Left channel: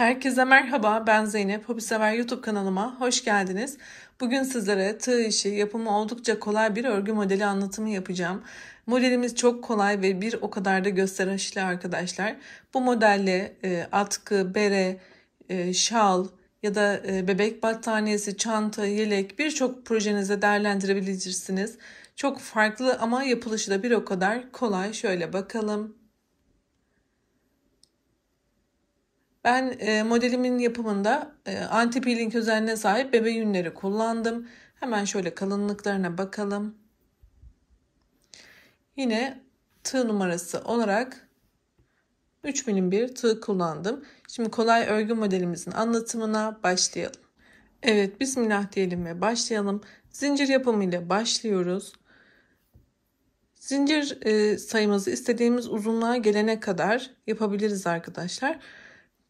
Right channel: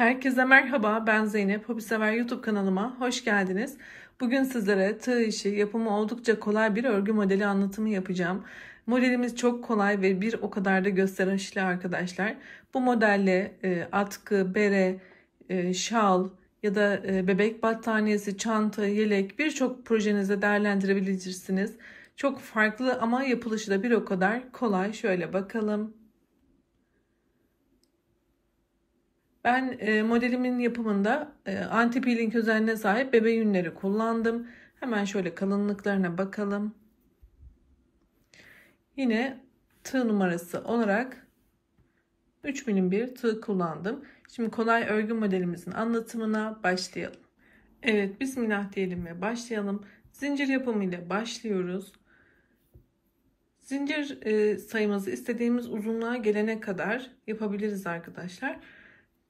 Herkese merhaba, ben Zeynep. Hobisever YouTube kanalıma hoş geldiniz. Bugün sizlere tığ işi, yapımı oldukça kolay bir örgü modeli anlatımı yapacağım. Modelimiz çok kolay ve bir o kadar da gösterişli arkadaşlar. Bu modelle atkı, bere, şal ya da bebek battaniyesi, çanta, yelek birçok projenize değerlendirebilirsiniz. Çok farklı ama yapılışı da bir o kadar kolay. Şöyle bakalım. Ben modelimin yapımında anti-peeling özelliğine sahip bebe yünleri kullandım. Hemen şöyle kalınlıklarına bakalım. Yine tığ numarası olarak 3 milim bir tığ kullandım. Şimdi kolay örgü modelimizin anlatımına başlayalım. Evet, bismillah diyelim ve başlayalım. Zincir yapımı ile başlıyoruz. Zincir sayımızı istediğimiz uzunluğa gelene kadar yapabiliriz arkadaşlar.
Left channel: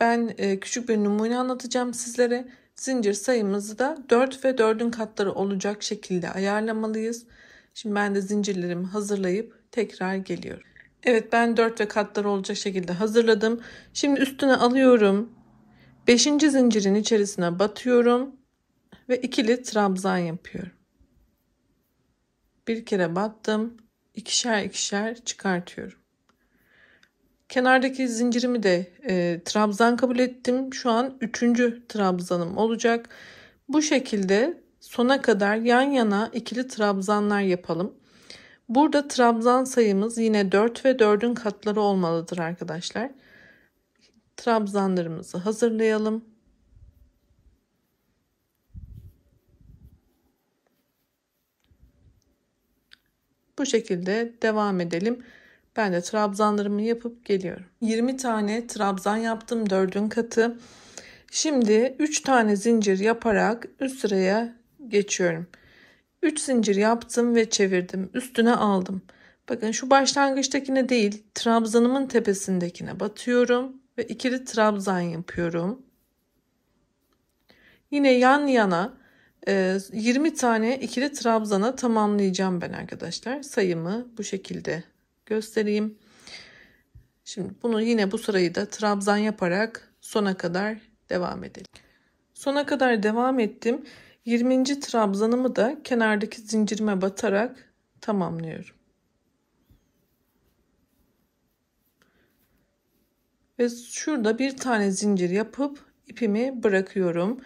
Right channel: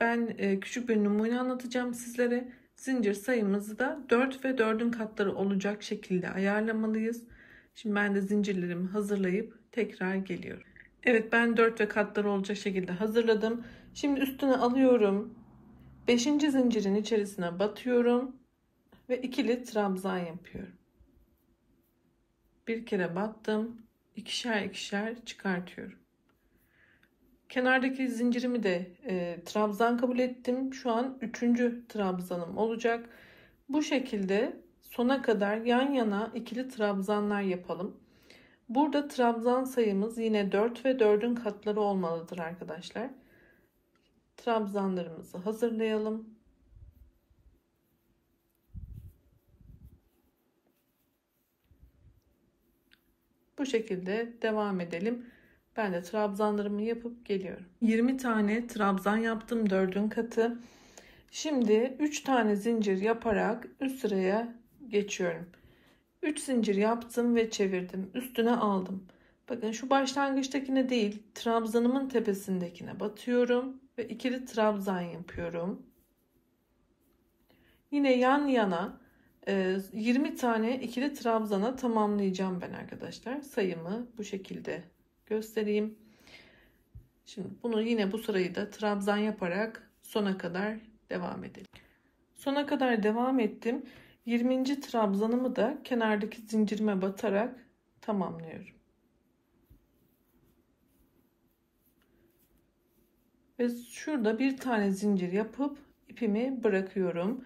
Ben küçük bir numune anlatacağım sizlere. Zincir sayımızı da 4 ve 4'ün katları olacak şekilde ayarlamalıyız. Şimdi ben de zincirlerimi hazırlayıp tekrar geliyorum. Evet, ben 4 ve katları olacak şekilde hazırladım. Şimdi üstüne alıyorum. 5. zincirin içerisine batıyorum ve ikili trabzan yapıyorum. Bir kere battım. İkişer ikişer çıkartıyorum. Kenardaki zincirimi de trabzan kabul ettim. Şu an 3. trabzanım olacak. Bu şekilde sona kadar yan yana ikili trabzanlar yapalım. Burada trabzan sayımız yine 4 ve 4'ün katları olmalıdır arkadaşlar. Trabzanlarımızı hazırlayalım. Bu şekilde devam edelim. Ben de trabzanlarımı yapıp geliyorum. 20 tane trabzan yaptım, 4'ün katı. Şimdi 3 tane zincir yaparak üst sıraya geçiyorum. 3 zincir yaptım ve çevirdim. Üstüne aldım. Bakın şu başlangıçtakine değil, trabzanımın tepesindekine batıyorum ve ikili trabzan yapıyorum. Yine yan yana 20 tane ikili trabzana tamamlayacağım ben arkadaşlar. Sayımı bu şekilde göstereyim. Şimdi bunu yine bu sırayı da trabzan yaparak sona kadar devam edelim. Sona kadar devam ettim. 20. trabzanımı da kenardaki zincirime batarak tamamlıyorum. Ve şurada bir tane zincir yapıp ipimi bırakıyorum.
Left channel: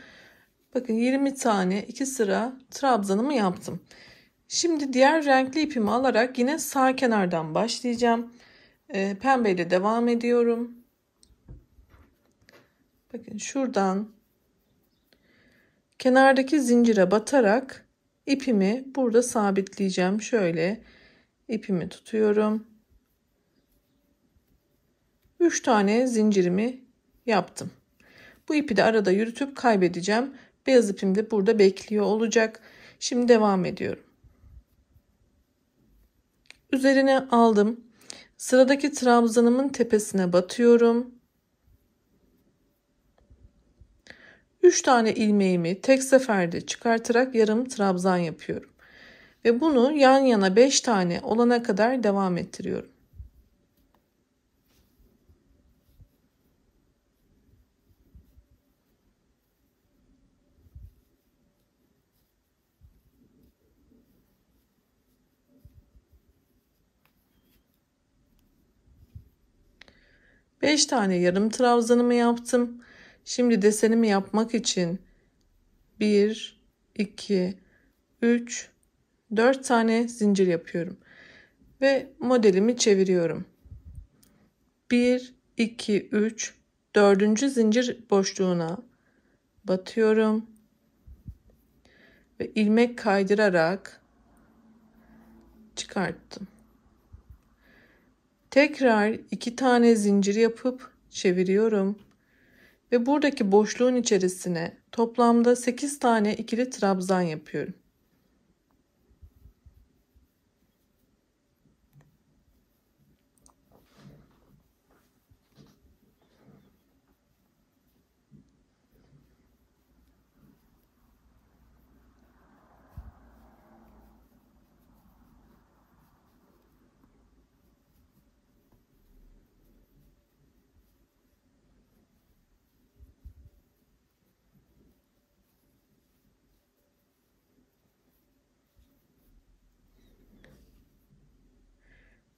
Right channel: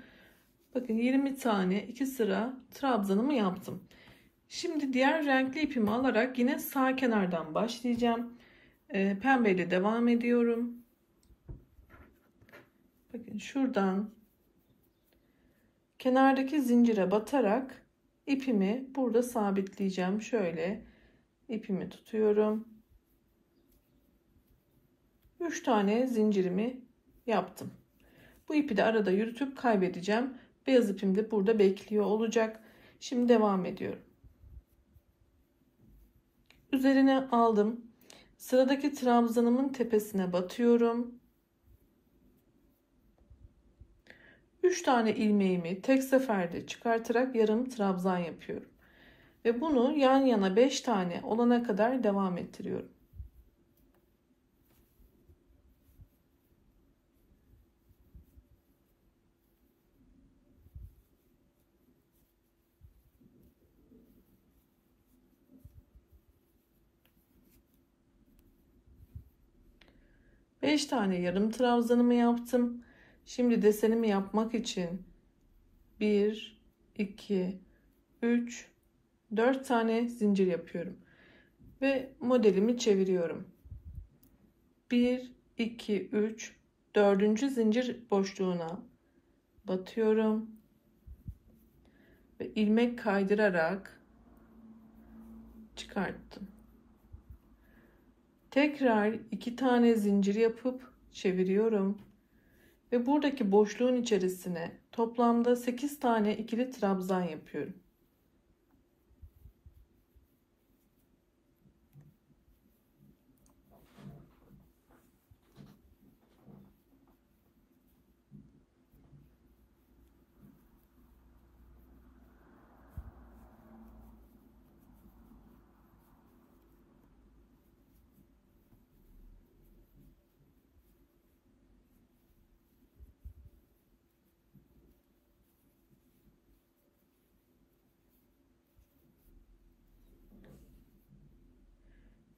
Bakın 20 tane 2 sıra trabzanımı yaptım. Şimdi diğer renkli ipimi alarak yine sağ kenardan başlayacağım. Pembeyle devam ediyorum. Bakın şuradan kenardaki zincire batarak ipimi burada sabitleyeceğim. Şöyle ipimi tutuyorum. 3 tane zincirimi yaptım. Bu ipi de arada yürütüp kaybedeceğim. Beyaz ipim de burada bekliyor olacak. Şimdi devam ediyorum. Üzerine aldım. Sıradaki trabzanımın tepesine batıyorum. 3 tane ilmeğimi tek seferde çıkartarak yarım trabzan yapıyorum. Ve bunu yan yana 5 tane olana kadar devam ettiriyorum. Beş tane yarım trabzanımı yaptım. Şimdi desenimi yapmak için 1, 2, 3, 4 tane zincir yapıyorum. Ve modelimi çeviriyorum. 1, 2, 3, 4. zincir boşluğuna batıyorum. Ve ilmek kaydırarak çıkarttım. Tekrar 2 tane zincir yapıp çeviriyorum. Ve buradaki boşluğun içerisine toplamda 8 tane ikili trabzan yapıyorum.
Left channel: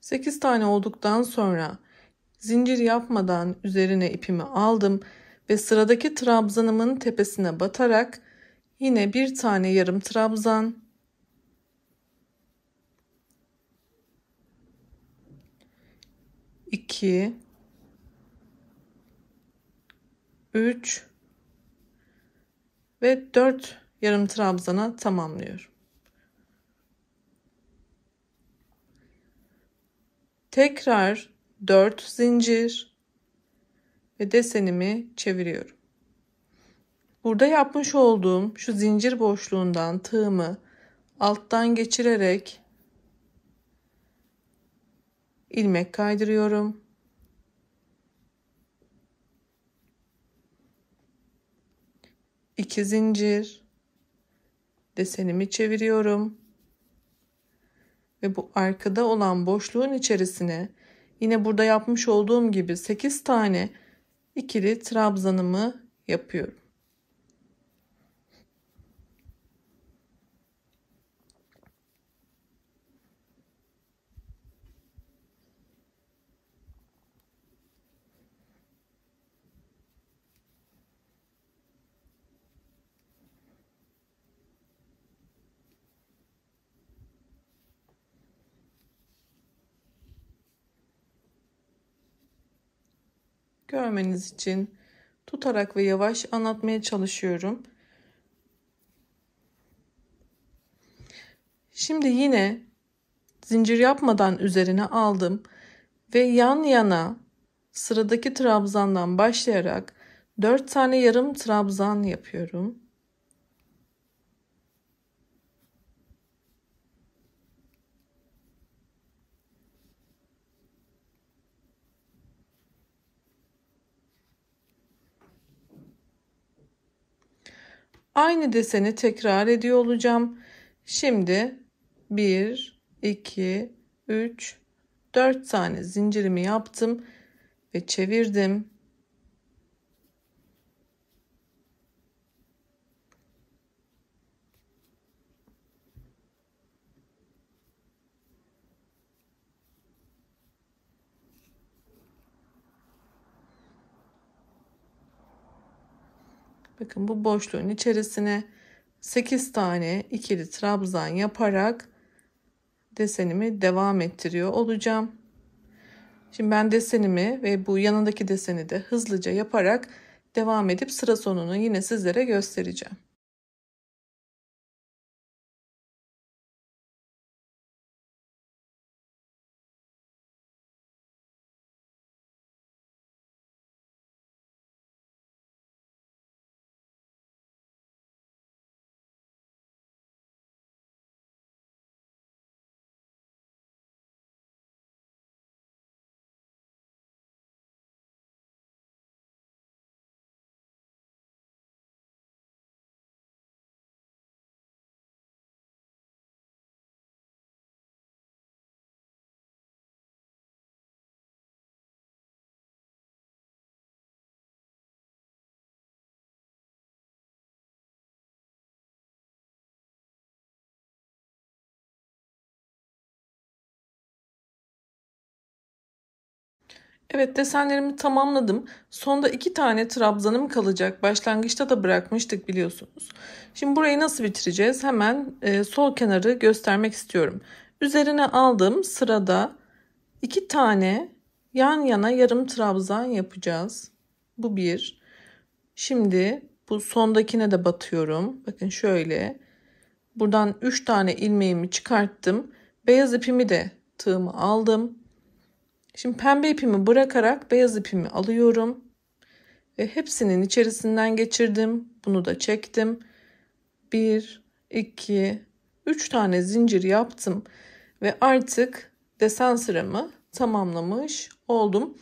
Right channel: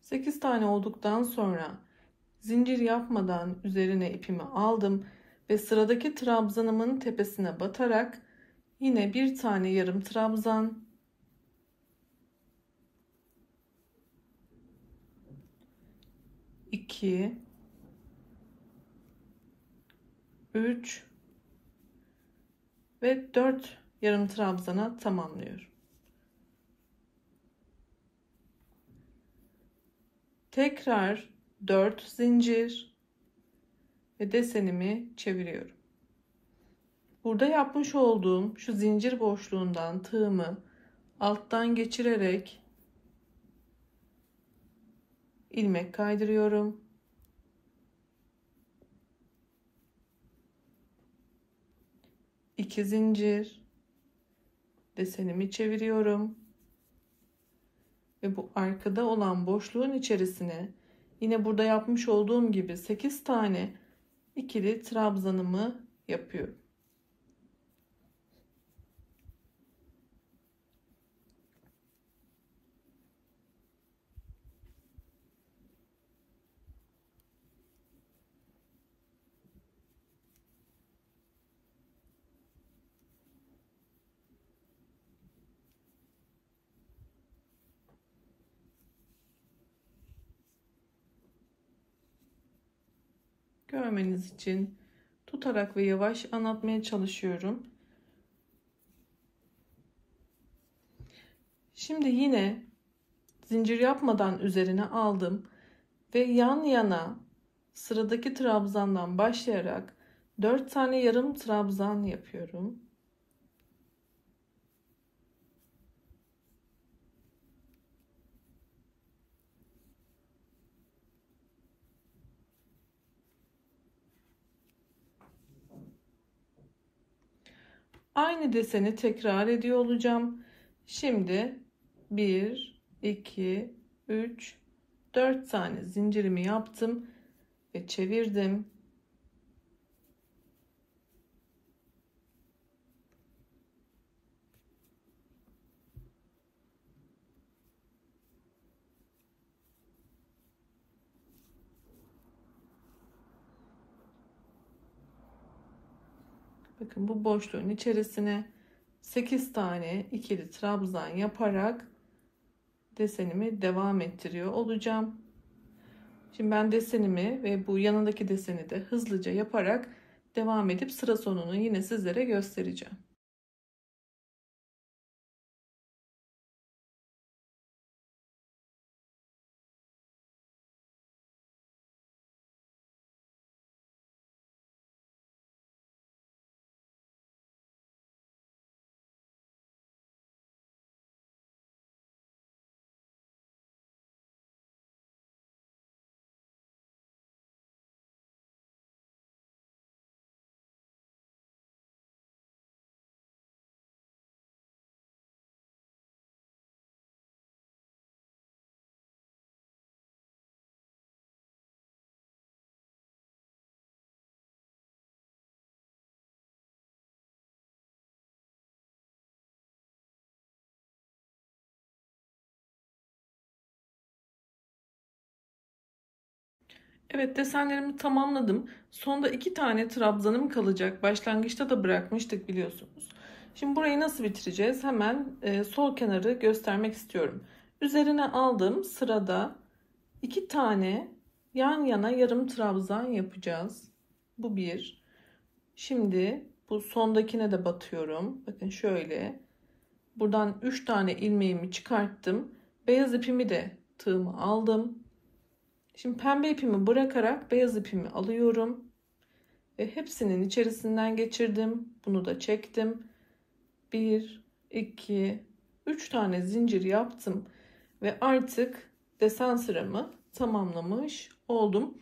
8 tane olduktan sonra zincir yapmadan üzerine ipimi aldım ve sıradaki trabzanımın tepesine batarak yine bir tane yarım trabzan, 2, 3 ve 4 yarım trabzana tamamlıyorum. Tekrar 4 zincir ve desenimi çeviriyorum. Burada yapmış olduğum şu zincir boşluğundan tığımı alttan geçirerek ilmek kaydırıyorum. İki zincir, desenimi çeviriyorum ve bu arkada olan boşluğun içerisine yine burada yapmış olduğum gibi 8 tane ikili trabzanımı yapıyorum. Görmeniz için tutarak ve yavaş anlatmaya çalışıyorum. Şimdi yine zincir yapmadan üzerine aldım ve yan yana sıradaki trabzandan başlayarak 4 tane yarım trabzan yapıyorum. Aynı deseni tekrar ediyor olacağım. Şimdi 1, 2, 3, 4 tane zincirimi yaptım ve çevirdim. Bakın bu boşluğun içerisine 8 tane ikili trabzan yaparak desenimi devam ettiriyor olacağım. Şimdi ben desenimi ve bu yanındaki deseni de hızlıca yaparak devam edip sıra sonunu yine sizlere göstereceğim. Evet, desenlerimi tamamladım. Sonda 2 tane trabzanım kalacak. Başlangıçta da bırakmıştık biliyorsunuz. Şimdi burayı nasıl bitireceğiz? Hemen sol kenarı göstermek istiyorum. Üzerine aldığım sırada 2 tane yan yana yarım trabzan yapacağız. Bu bir. Şimdi bu sondakine de batıyorum. Bakın şöyle. Buradan 3 tane ilmeğimi çıkarttım. Beyaz ipimi de tığımı aldım. Şimdi pembe ipimi bırakarak beyaz ipimi alıyorum ve hepsinin içerisinden geçirdim. Bunu da çektim. 1, 2, 3 tane zincir yaptım ve artık desen sıramı tamamlamış oldum.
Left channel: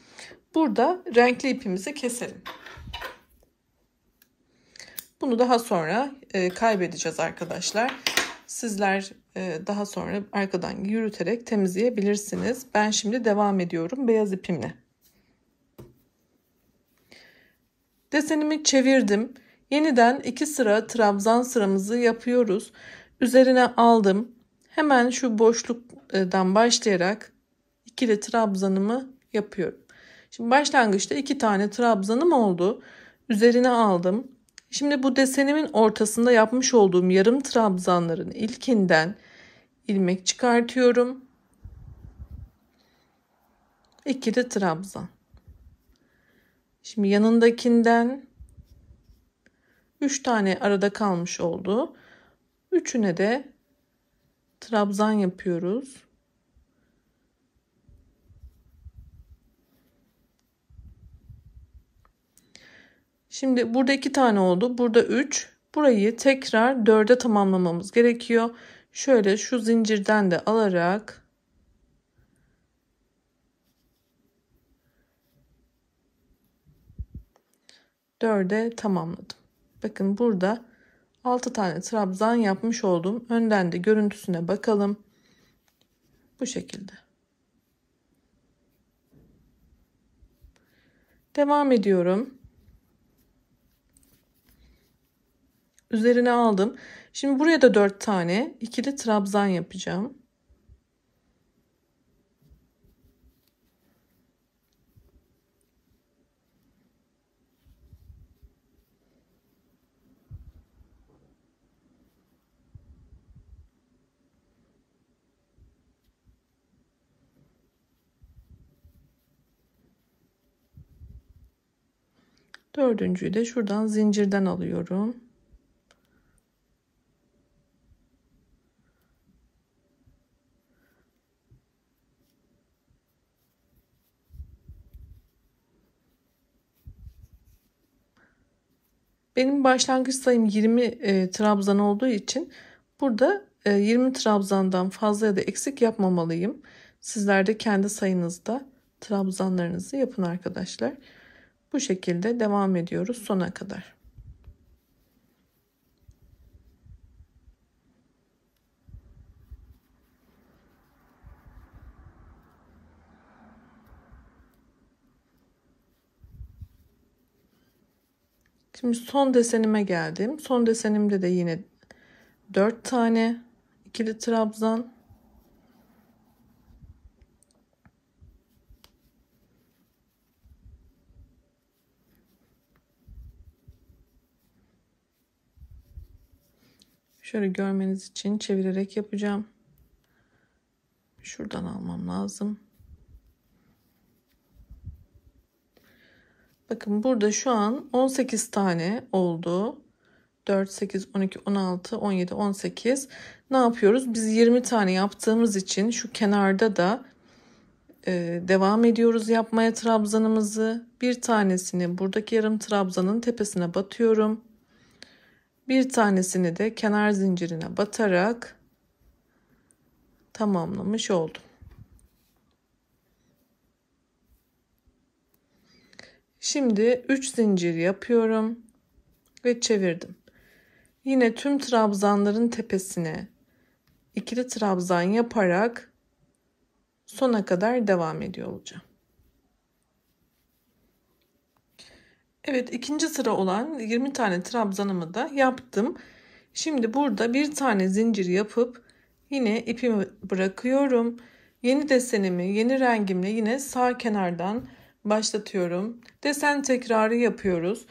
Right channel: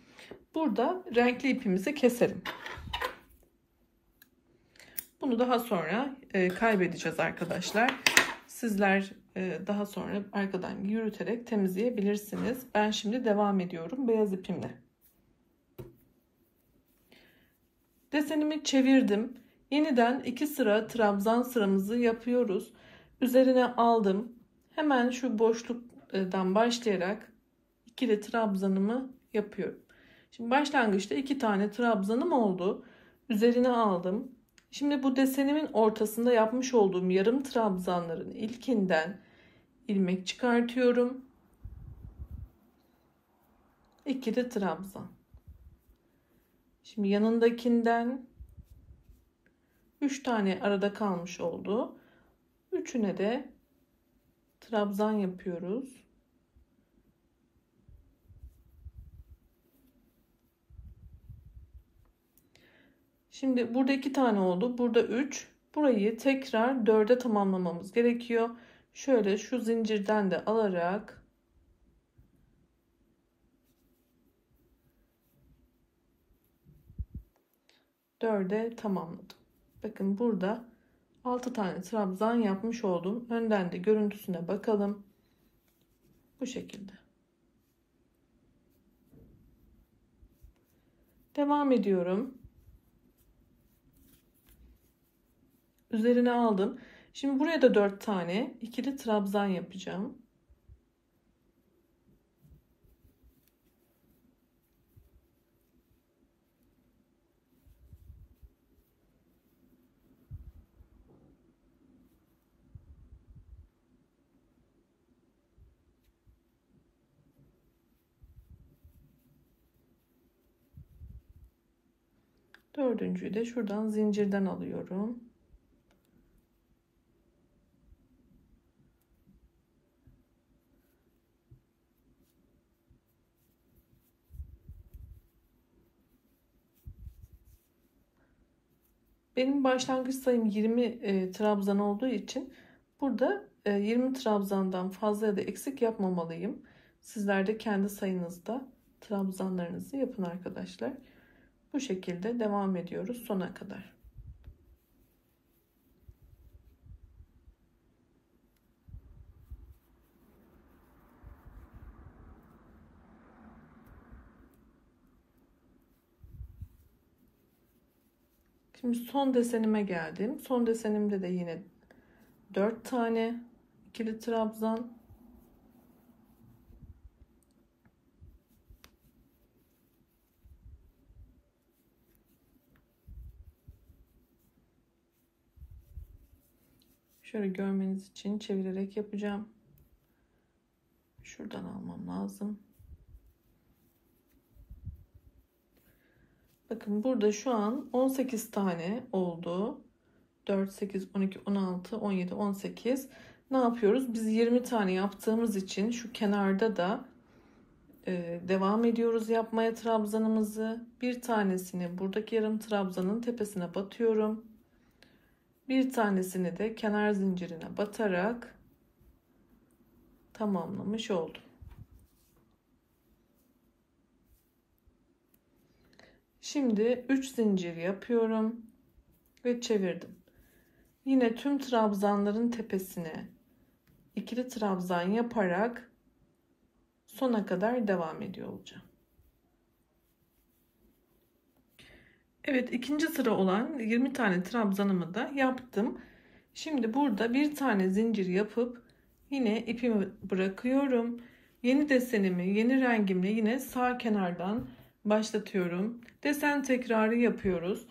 Burada renkli ipimizi keselim. Bunu daha sonra kaybedeceğiz arkadaşlar. Sizler daha sonra arkadan yürüterek temizleyebilirsiniz. Ben şimdi devam ediyorum beyaz ipimle. Desenimi çevirdim. Yeniden 2 sıra trabzan sıramızı yapıyoruz. Üzerine aldım. Hemen şu boşluktan başlayarak ikili trabzanımı yapıyorum. Şimdi başlangıçta 2 tane trabzanım oldu. Üzerine aldım. Şimdi bu desenimin ortasında yapmış olduğum yarım trabzanların ilkinden ilmek çıkartıyorum. İkili trabzan. Şimdi yanındakinden 3 tane arada kalmış oldu. Üçüne de trabzan yapıyoruz. Şimdi burada 2 tane oldu. Burada 3. Burayı tekrar 4'e tamamlamamız gerekiyor. Şöyle şu zincirden de alarak dörde tamamladım. Bakın burada 6 tane trabzan yapmış oldum. Önden de görüntüsüne bakalım. Bu şekilde. Devam ediyorum. Üzerine aldım. Şimdi buraya da 4 tane ikili trabzan yapacağım. Dördüncüyü de şuradan zincirden alıyorum. Benim başlangıç sayım 20 trabzan olduğu için burada 20 trabzandan fazla ya da eksik yapmamalıyım. Sizler de kendi sayınızda trabzanlarınızı yapın arkadaşlar. Bu şekilde devam ediyoruz sona kadar. Şimdi son desenime geldim. Son desenimde de yine 4 tane ikili trabzan. Şöyle görmeniz için çevirerek yapacağım. Şuradan almam lazım. Bakın burada şu an 18 tane oldu. 4, 8, 12, 16, 17, 18. Ne yapıyoruz? Biz 20 tane yaptığımız için şu kenarda da devam ediyoruz yapmaya trabzanımızı. Bir tanesini buradaki yarım trabzanın tepesine batıyorum. Bir tanesini de kenar zincirine batarak tamamlamış oldum. Şimdi 3 zincir yapıyorum ve çevirdim. Yine tüm trabzanların tepesine ikili trabzan yaparak sona kadar devam ediyor olacağım. Evet, ikinci sıra olan 20 tane trabzanımı da yaptım. Şimdi burada bir tane zincir yapıp yine ipimi bırakıyorum. Yeni desenimi yeni rengimle yine sağ kenardan başlatıyorum. Desen tekrarı yapıyoruz.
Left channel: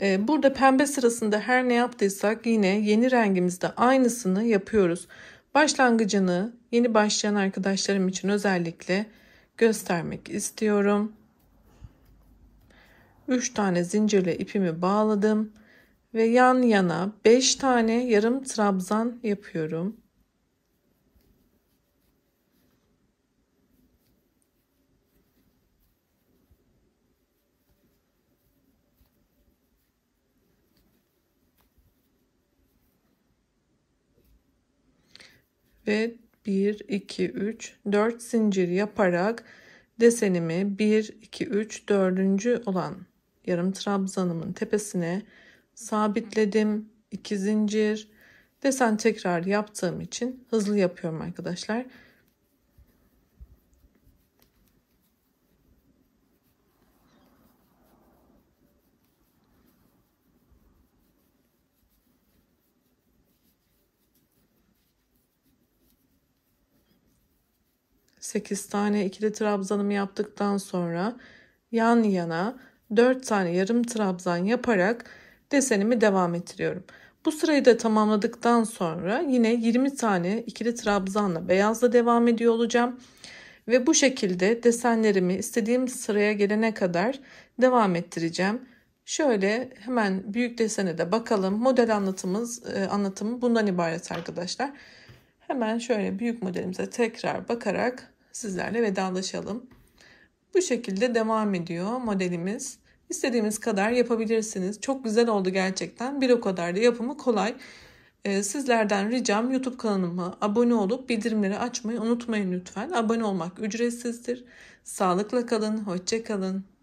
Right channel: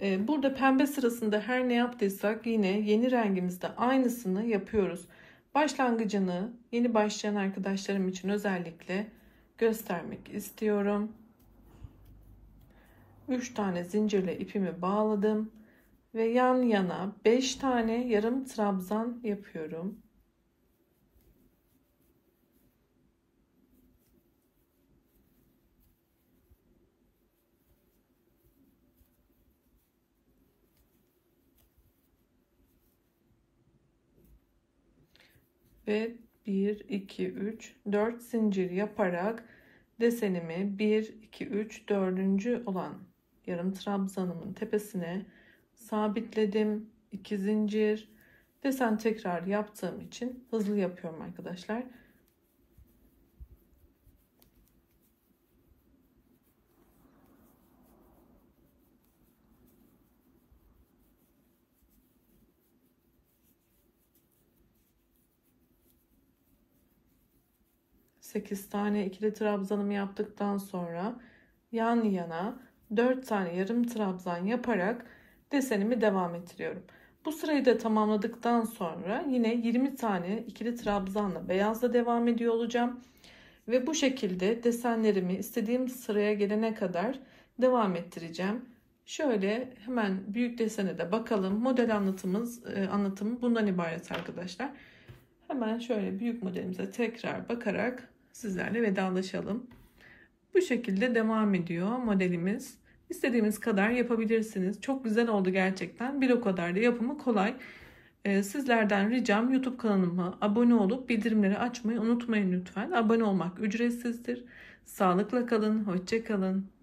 Burada pembe sırasında her ne yaptıysak yine yeni rengimizde aynısını yapıyoruz. Başlangıcını yeni başlayan arkadaşlarım için özellikle göstermek istiyorum. 3 tane zincirle ipimi bağladım ve yan yana 5 tane yarım trabzan yapıyorum. Ve 1 2 3 4 zincir yaparak desenimi 1 2 3 4. olan yarım trabzanımın tepesine sabitledim. 2 zincir. Desen tekrar yaptığım için hızlı yapıyorum arkadaşlar. 8 tane ikili trabzanımı yaptıktan sonra yan yana 4 tane yarım trabzan yaparak desenimi devam ettiriyorum. Bu sırayı da tamamladıktan sonra yine 20 tane ikili trabzanla beyazla devam ediyor olacağım. Ve bu şekilde desenlerimi istediğim sıraya gelene kadar devam ettireceğim. Şöyle hemen büyük desene de bakalım. Model anlatımı bundan ibaret arkadaşlar. Hemen şöyle büyük modelimize tekrar bakarak sizlerle vedalaşalım. Bu şekilde devam ediyor modelimiz. İstediğimiz kadar yapabilirsiniz. Çok güzel oldu gerçekten. Bir o kadar da yapımı kolay. Sizlerden ricam YouTube kanalıma abone olup bildirimleri açmayı unutmayın lütfen. Abone olmak ücretsizdir. Sağlıkla kalın, hoşça kalın.